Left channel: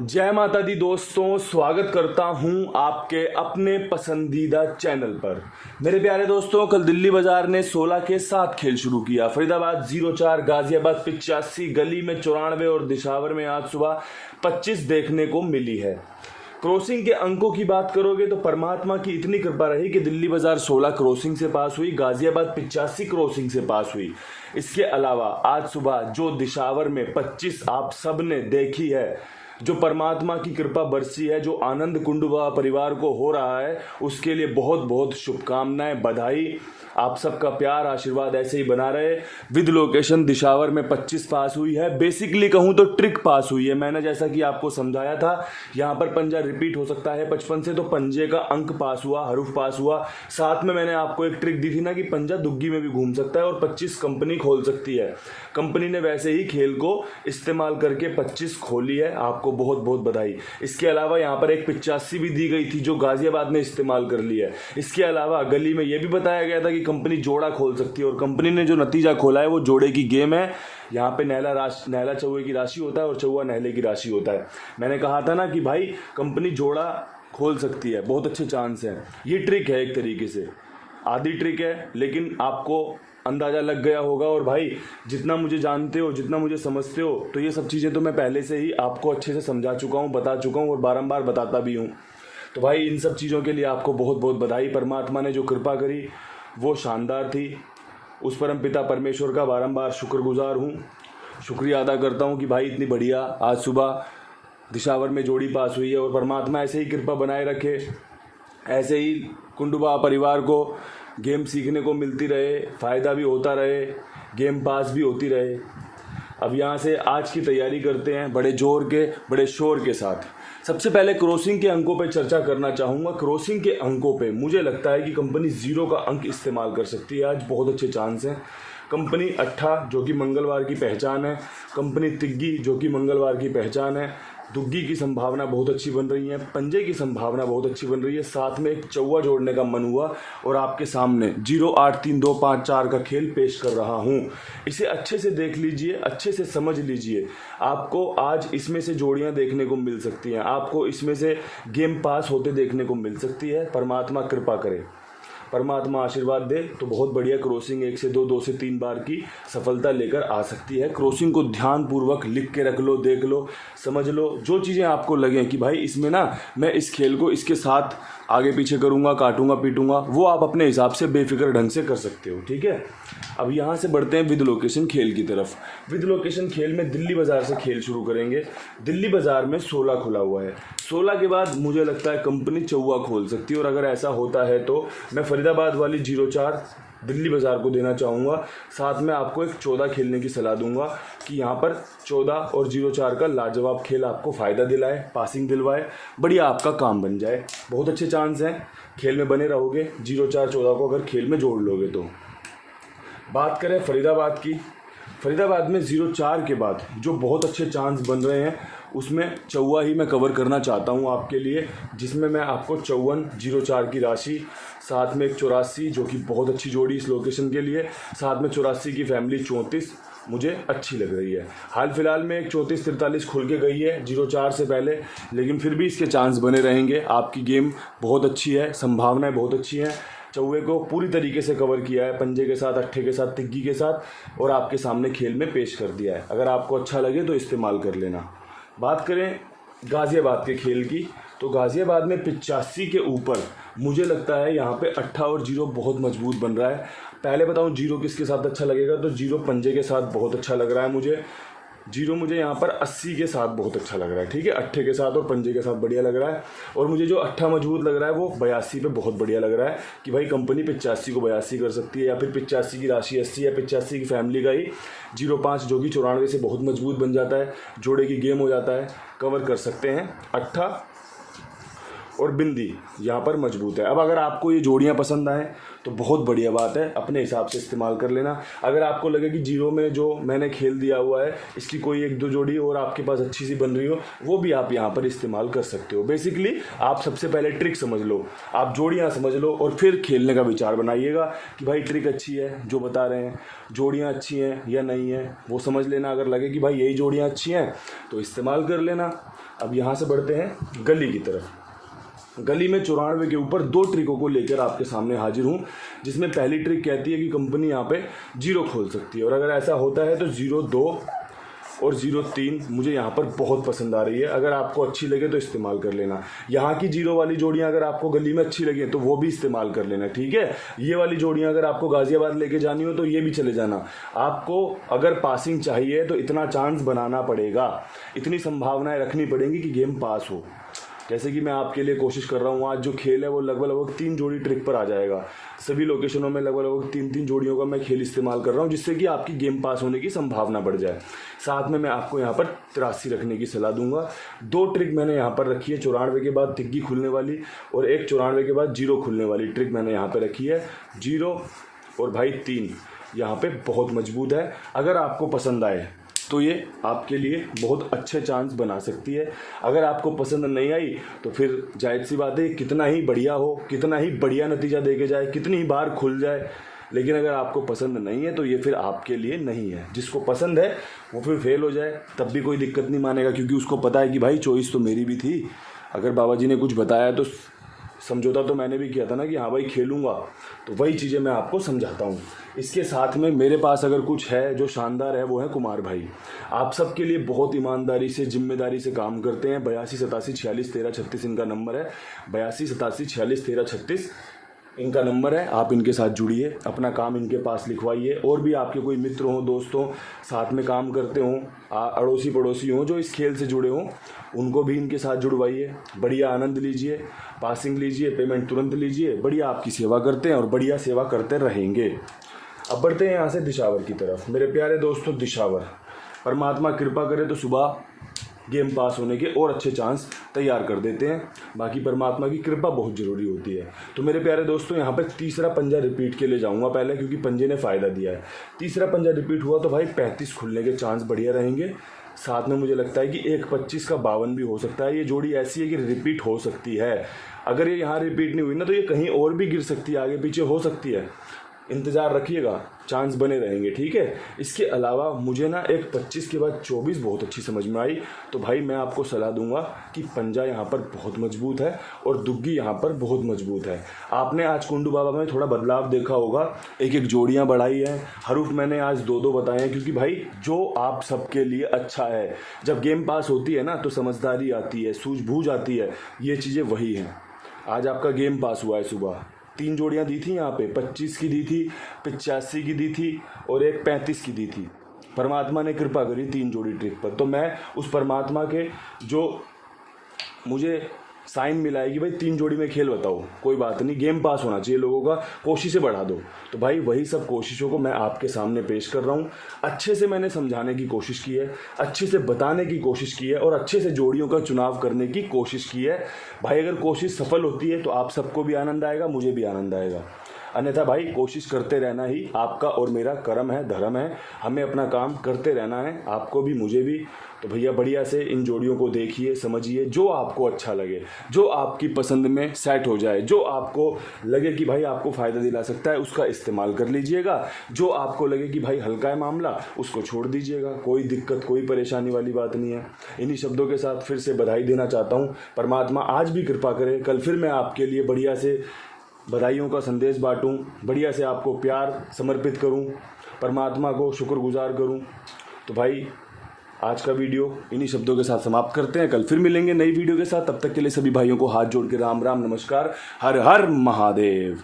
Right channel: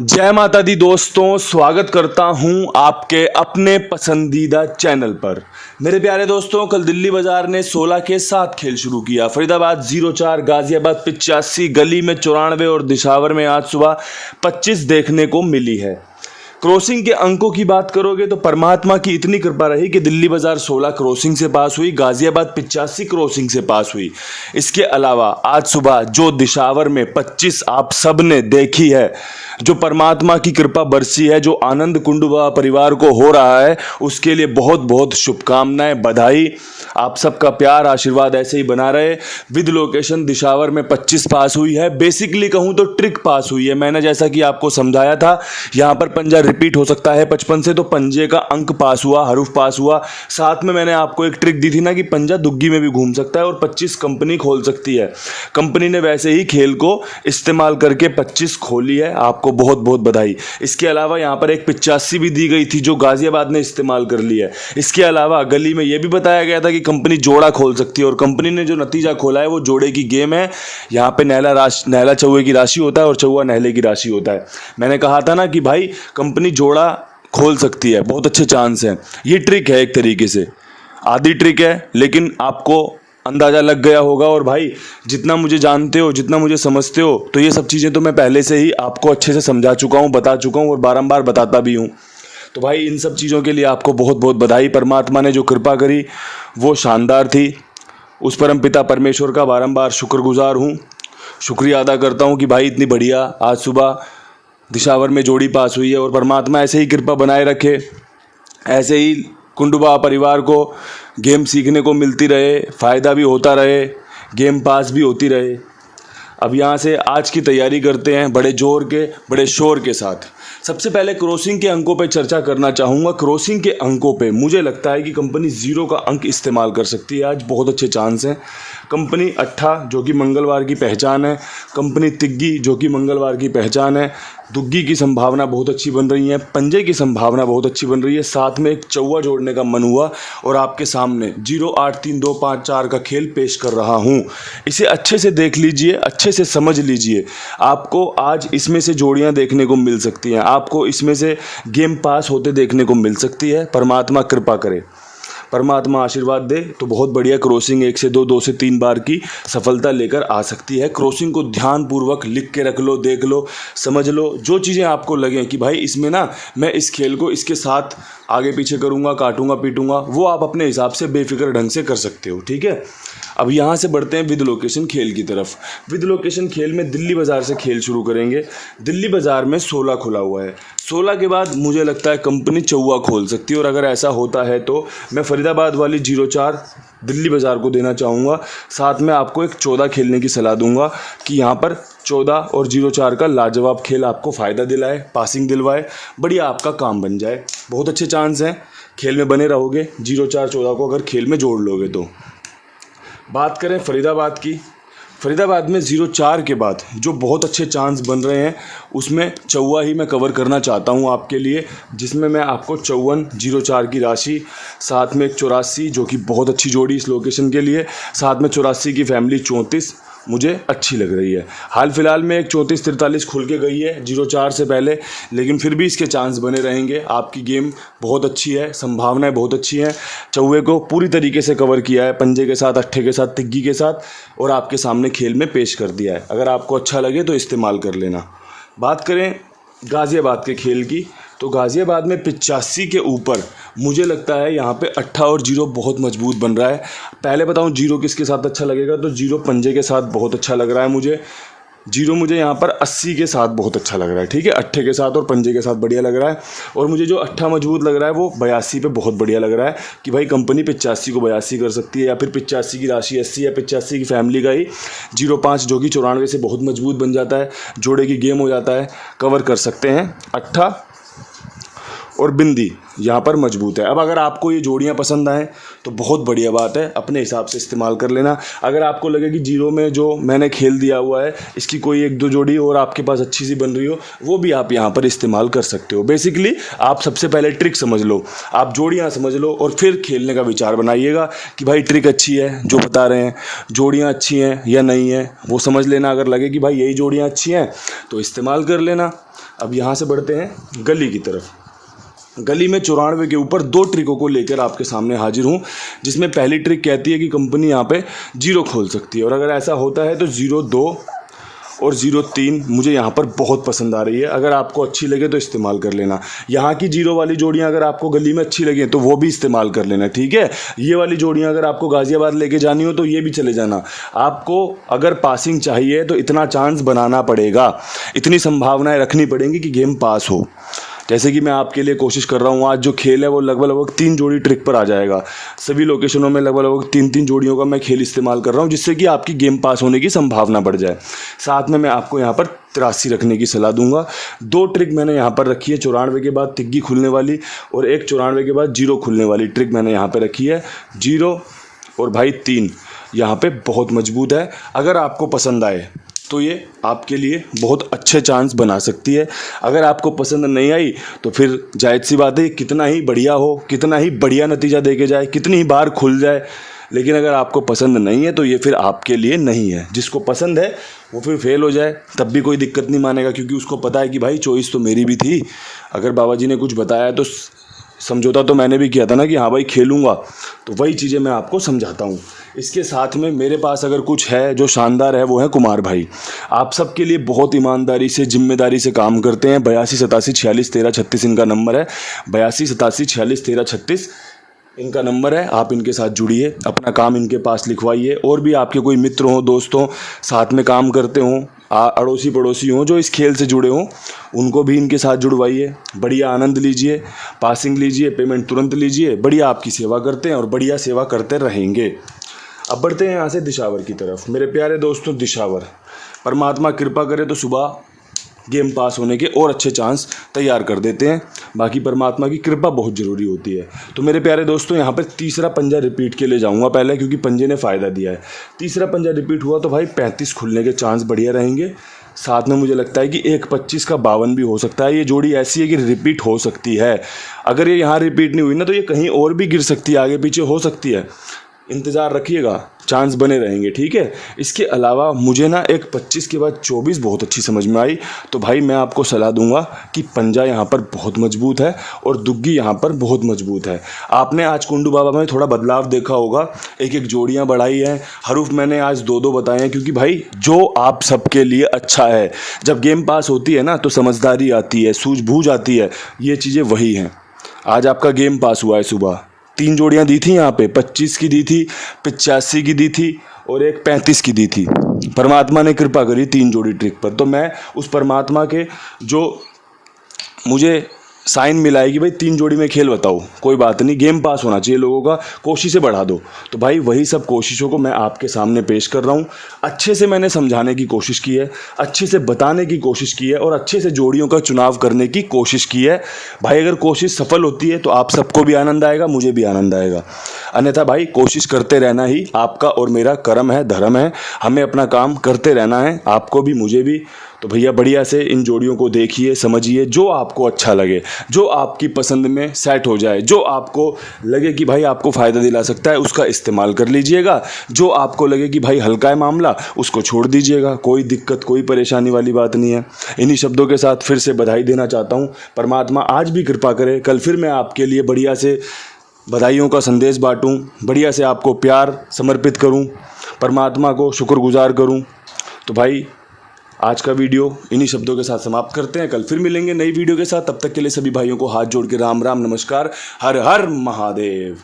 जय माता दी दोस्तों, स्वागत करता हूं आपके अपने पसंदीदा चैनल पर। मेरे प्यारे दोस्तों, कल दिल्ली बाजार ने 16 के 7 खेल शुरू किया। फरीदाबाद 0-4, गाजियाबाद 85, गली में 94 और दिशावर में आज सुबह 25 देखने को मिली है। क्रॉसिंग के अंकों की बात करोगे तो परमात्मा की इतनी कृपा रही कि दिल्ली बाजार 16 क्रॉसिंग से पास हुई, गाजियाबाद 85 क्रॉसिंग से पास हुई। इसके अलावा आज सुबह जो दिशावर में 25 आप सब ने देखी है, जो परमात्मा की कृपा बरसी है, जो आनंद कुंडुबा परिवार को हो रहा है, उसके लिए बहुत बहुत शुभकामनाएं, बधाई। आप सबका प्यार आशीर्वाद ऐसे ही बना रहे। विद लोकेशन दिशावर में 25 पास हुई है। बेसिकली कहूं तो ट्रिक पास हुई है। मैंने जैसा कि आपको समझाया था, यहां पर पंजा रिपीट हो सकता है 55 से, तो पंजे का अंक पास हुआ, हरूफ पास हुआ। साथ में मैंने आपको एक ट्रिक दी थी ना कि पंजा दुग्गी में भी घूम सकता है और 25 कंपनी खोल सकती है। कंपनी ने वैसे ही खेल को इस्तेमाल करके 25 खोली है। आपको बहुत बहुत बधाई। इसके अलावा यहाँ पर एक 85 भी दी गई थी जो गाजियाबाद ने इस्तेमाल कर ली है। इसके अलावा गली में यह भी बताया गया था कि कंपनी जोड़ा खोल सकती है और कंपनी ने जो नतीजा खोला है वो जोड़े की गेम है। यहाँ पे नहला चौवे की राशि होता है और चौवा नहले की राशि होता है। मैंने कहा था ना कि भाई कंपनी जोड़ा खोल सकती है, बहुत अच्छे चांस हैं। ये ट्रिक है, एक तरीके से आधी ट्रिक है, लेकिन आपको अंदाज़ा लग गया होगा। और भाई जितना मुझे जानते हो, जितना मुझे समझते हो, तो ये सब चीज़ें तो मैं पहले से ही आपको अच्छे से समझा चुका हूँ, बता चुका हूँ और बारंबार बताता भी हूँ। तो भाई इन सब चीज़ों के लिए आपको बहुत बहुत बधाई। परमात्मा ने जो कृपा करी वो शानदार थी। उस परम पिता परमेश्वर का बारंबार शुक्रगुजार हूँ, शुक्रिया अदा करता हूँ कि भाई इतनी बढ़िया आज सुबह दिशावर में जोड़ी पास हुई है। और परमात्मा ऐसे ही कृपा बनाए रखे, ऐसे ही कुंडुबा परिवार को गेम सीखने को मिलती रहे, फ़ायदा भी होता रहे, गेम पास भी होती रहे। अब यहाँ से आज की तैयारी करते हैं बड़े जोर के, बड़े शोर के साथ। सबसे पहले क्रॉसिंग के अंकों पे चर्चा करना चाहूँगा। क्रॉसिंग के अंकों पे मुझे लगता है कि कंपनी 0 का अंक इस्तेमाल कर सकती है। आज बहुत अच्छे चांस हैं। कंपनी 8 जो कि मंगलवार की पहचान है, कंपनी तिग्गी जो कि मंगलवार की पहचान है, दुग्गी की संभावना बहुत अच्छी बन रही है, पंजे की संभावना बहुत अच्छी बन रही है। साथ में एक चौवा जोड़ने का मन हुआ और आपके सामने 0, 8, 3, 2, 5, 4 का खेल पेश कर रहा हूँ। इसे अच्छे से देख लीजिए, अच्छे से समझ लीजिए। आपको आज इसमें से जोड़ियाँ देखने को मिल सकती हैं, आपको इसमें से गेम पास होते देखने को मिल सकती है। परमात्मा कृपा करे, परमात्मा आशीर्वाद दे तो बहुत बढ़िया क्रॉसिंग 1 से 2, 2 से 3 बार की सफलता लेकर आ सकती है। क्रॉसिंग को ध्यानपूर्वक लिख के रख लो, देख लो, समझ लो। जो चीज़ें आपको लगें कि भाई इसमें ना मैं इस खेल को इसके साथ आगे पीछे करूँगा, काटूंगा पीटूंगा, वो आप अपने हिसाब से बेफिक्र ढंग से कर सकते हो। ठीक है, अब यहाँ से बढ़ते हैं विद लोकेशन खेल की तरफ। विद लोकेशन खेल में दिल्ली बाज़ार से खेल शुरू करेंगे। दिल्ली बाज़ार में 16 खुला हुआ है। 16 के बाद मुझे लगता है कंपनी चौवा खोल सकती है और अगर ऐसा होता है तो मैं फरीदाबाद वाली 0-4 दिल्ली बाज़ार को देना चाहूँगा। साथ में आपको एक 14 खेलने की सलाह दूंगा कि यहाँ पर 14 और 0-4 का लाजवाब खेल आपको फ़ायदा दिलाए, पासिंग दिलवाए, बढ़िया आपका काम बन जाए। बहुत अच्छे चांस हैं, खेल में बने रहोगे। 0-4-14 को अगर खेल में जोड़ लोगे तो। बात करें फरीदाबाद की, फरीदाबाद में 0-4 के बाद जो बहुत अच्छे चांस बन रहे हैं उसमें चौवा ही मैं कवर करना चाहता हूं आपके लिए, जिसमें मैं आपको 54, 0-4 की राशि, साथ में एक 84 जो कि बहुत अच्छी जोड़ी इस लोकेशन के लिए, साथ में 84 की फैमिली 34 मुझे अच्छी लग रही है। हाल फिलहाल में एक 34-43 खुल के गई है 0-4 से पहले, लेकिन फिर भी इसके चांस बने रहेंगे। आपकी गेम बहुत अच्छी है, संभावनाएं बहुत अच्छी हैं। चौवे को पूरी तरीके से कवर किया है, पंजे के साथ, अट्ठे के साथ, तिग्गी के साथ, और आपके सामने खेल में पेश कर दिया है। अगर आपको अच्छा लगे तो इस्तेमाल कर लेना। बात करें गाज़ियाबाद के खेल की, तो गाज़ियाबाद में 85 के ऊपर मुझे लगता है यहाँ पे 8 और 0 बहुत मजबूत बन रहा है। पहले बताऊँ 0 किसके साथ अच्छा लगेगा, तो 0 पंजे के साथ बहुत अच्छा लग रहा है मुझे। 0 मुझे यहाँ पर 80 के साथ बहुत अच्छा लग रहा है। ठीक है, अट्ठे के साथ और पंजे के साथ बढ़िया लग रहा है। और मुझे जो 8 मजबूत लग रहा है वो 82 पे बहुत बढ़िया लग रहा है कि भाई कंपनी 85 को 82 कर सकती है, या फिर 85 की राशि 80 या 85 की फैमिली का ही 0-5 जो कि 94 से बहुत मजबूत बन जाता है, जोड़े की गेम हो जाता है, कवर कर सकते हैं 8 और बिंदी यहाँ पर मजबूत है। अब अगर आपको ये जोड़ियाँ पसंद आएँ तो बहुत बढ़िया बात है, अपने हिसाब से इस्तेमाल कर लेना। अगर आपको लगे कि जीरो में जो मैंने खेल दिया हुआ है इसकी कोई एक दो जोड़ी और आपके पास अच्छी सी बन रही हो, वो भी आप यहाँ पर इस्तेमाल कर सकते हो। बेसिकली आप सबसे पहले ट्रिक समझ लो, आप जोड़ियाँ समझ लो और फिर खेलने का विचार बनाइएगा कि भाई ट्रिक अच्छी है जो बता रहे हैं, जोड़ियाँ अच्छी हैं या नहीं है वो समझ लेना। अगर लगे कि भाई यही जोड़ियाँ अच्छी हैं तो इस्तेमाल कर लेना। अब यहाँ से बढ़ते हैं गली की तरफ। गली में 94 के ऊपर 2 ट्रिकों को लेकर आपके सामने हाजिर हूँ, जिसमें पहली ट्रिक कहती है कि कंपनी यहाँ पे 0 खोल सकती है, और अगर ऐसा होता है तो 02 और 03 मुझे यहाँ पर बहुत पसंद आ रही है। अगर आपको अच्छी लगे तो इस्तेमाल कर लेना। यहाँ की 0 वाली जोड़ियाँ अगर आपको गली में अच्छी लगे तो वो भी इस्तेमाल कर लेना, ठीक है। ये वाली जोड़ियाँ अगर आपको गाज़ियाबाद लेके जानी हो तो ये भी चले जाना। आपको अगर पासिंग चाहिए तो इतना चांस बनाना पड़ेगा, इतनी संभावनाएं रखनी पड़ेंगी कि गेम पास हो। जैसे कि मैं आपके लिए कोशिश कर रहा हूँ, आज जो खेल है वो लगभग 3 जोड़ी ट्रिक पर आ जाएगा। सभी लोकेशनों में लगभग 3-3 जोड़ियों का मैं खेल इस्तेमाल कर रहा हूँ, जिससे कि आपकी गेम पास होने की संभावना बढ़ जाए। साथ में मैं आपको यहाँ पर 83 रखने की सलाह दूंगा। 2 ट्रिक मैंने यहाँ पर रखी है, 94 के बाद तिग्गी खुलने वाली और एक 94 के बाद 0 खुलने वाली ट्रिक मैंने यहाँ पर रखी है। 0 और भाई 3 यहाँ पे बहुत मजबूत है। अगर आपको पसंद आए तो ये आपके लिए बहुत अच्छे चांस बना सकती है। अगर आपको पसंद नहीं आई तो फिर जायज़ सी बात है, कितना ही बढ़िया हो, कितना ही बढ़िया नतीजा दे के जाए, कितनी ही बार खुल जाए, लेकिन अगर आपको पसंद नहीं है तो ये फिर आपके लिए नहीं है। जिसको पसंद है वो फिर फेल हो जाए तब भी कोई दिक्कत नहीं मानेगा, क्योंकि उसको पता है कि भाई चॉइस तो मेरी भी थी। अगर बाबा जी ने कुछ बताया तो समझौता तो मैंने भी किया था ना कि हाँ भाई खेलूँगा, तो वही चीज़ें मैं आपको समझाता हूँ। इसके साथ में मेरे पास अगर कुछ है जो शानदार है वो है कुमार भाई। आप सबके लिए बहुत ईमानदारी से, जिम्मेदारी से काम करते हैं। 82 87 46 13 36 इनका नंबर है। 82 87 46 13 36 इनका नंबर है। आप इनके साथ जुड़िए, अपना काम इनके पास लिखवाइए। और भी आपके कोई मित्र हों, दोस्त हों, साथ में काम करते हों, अड़ोसी पड़ोसी हों जो इस खेल से जुड़े हों, उनको भी इनके साथ जुड़वाइए। बढ़िया आनंद लीजिए, पासिंग लीजिए, पेमेंट तुरंत लीजिए। बढ़िया आपकी सेवा करते हैं और बढ़िया सेवा करते रहेंगे। अब बढ़ते हैं यहाँ से दिशावर की तरफ। मेरे प्यारे दोस्तों, दिशावर, परमात्मा कृपा करे तो सुबह गेम पास होने के और अच्छे चांस तैयार कर देते हैं। बाकी परमात्मा की कृपा बहुत ज़रूरी होती है। तो मेरे प्यारे दोस्तों, यहाँ पर तीसरा पंजा रिपीट के लिए जाऊँगा पहले, क्योंकि पंजे ने फ़ायदा दिया है। तीसरा पंजा रिपीट हुआ तो भाई 35 खुलने के चांस बढ़िया रहेंगे। साथ में मुझे लगता है कि 1-25 का 52 भी हो सकता है। ये जोड़ी ऐसी है कि रिपीट हो सकती है। अगर ये यहाँ रिपीट नहीं हुई ना तो ये कहीं और भी गिर सकती है, आगे पीछे हो सकती है। इंतज़ार रखिएगा, चांस बने रहेंगे, ठीक है। इसके अलावा मुझे ना एक 25 के बाद 24 बहुत अच्छी समझ में आई। तो भाई मैं आपको सलाह दूंगा कि पंजा यहाँ पर बहुत मजबूत है और दुग्गी यहाँ पर बहुत मजबूत है। आपने आज कुंडू बाबा में थोड़ा बदलाव देखा होगा, एक जोड़ियाँ बढ़ाई हैं। हरूफ मैंने आज 2-2 बताए हैं, क्योंकि भाई जो आप सबके लिए अच्छा है। जब गेम पास होती है ना तो समझदारी आती है, सूझबूझ आती है, ये चीज़ें वही हैं। आज आपका गेम पास हुआ है। सुबह 3 जोड़ियाँ दी थी यहाँ पे, 25 की दी थी, 85 की दी थी और एक 35 की दी थी। परमात्मा ने कृपा करी 3 जोड़ी ट्रिक पर। तो मैं उस परमात्मा के जो मुझे साइन मिला है कि भाई 3 जोड़ी में खेल बताओ, कोई बात नहीं, गेम पास होना चाहिए लोगों का, कोशिशें बढ़ा दो। तो भाई वही सब कोशिशों को मैं आपके सामने पेश कर रहा हूँ। अच्छे से मैंने समझाने की कोशिश की है, अच्छे से बताने की कोशिश की है और अच्छे से जोड़ियों का चुनाव करने की कोशिश की है। भाई अगर कोशिश सफल होती है तो आप सबको भी आनंद आएगा, मुझे भी आनंद आएगा। अन्यथा भाई कोशिश करते रहना ही आपका और मेरा कर्म है, धर्म है। हमें अपना काम करते रहना है, आपको भी मुझे भी। तो भैया बढ़िया से इन जोड़ियों को देखिए, समझिए, जो आपको अच्छा लगे, जो आपकी पसंद में सेट हो जाए, जो आपको लगे कि भाई आपको फ़ायदा दिला सकता है, उसका इस्तेमाल कर लीजिएगा। जो आपको लगे कि भाई हल्का है मामला, उसको छोड़ दीजिएगा। कोई दिक्कत, कोई परेशानी वाली बात नहीं है। इन्हीं शब्दों के साथ फिर से बधाई देना चाहता हूँ। परमात्मा आज भी कृपा करे, कल फिर मैं आपके लिए बढ़िया से बधाइयों का संदेश बांटूं, बढ़िया से आपको प्यार समर्पित करूं, परमात्मा को शुक्रगुजार करूं। तो भाई आज का वीडियो इन्हीं शब्दों के साथ समाप्त करते हैं। कल फिर मिलेंगे नई वीडियो के साथ। तब तक के लिए सभी भाइयों को हाथ जोड़ के राम राम, नमस्कार, हर हर महादेव।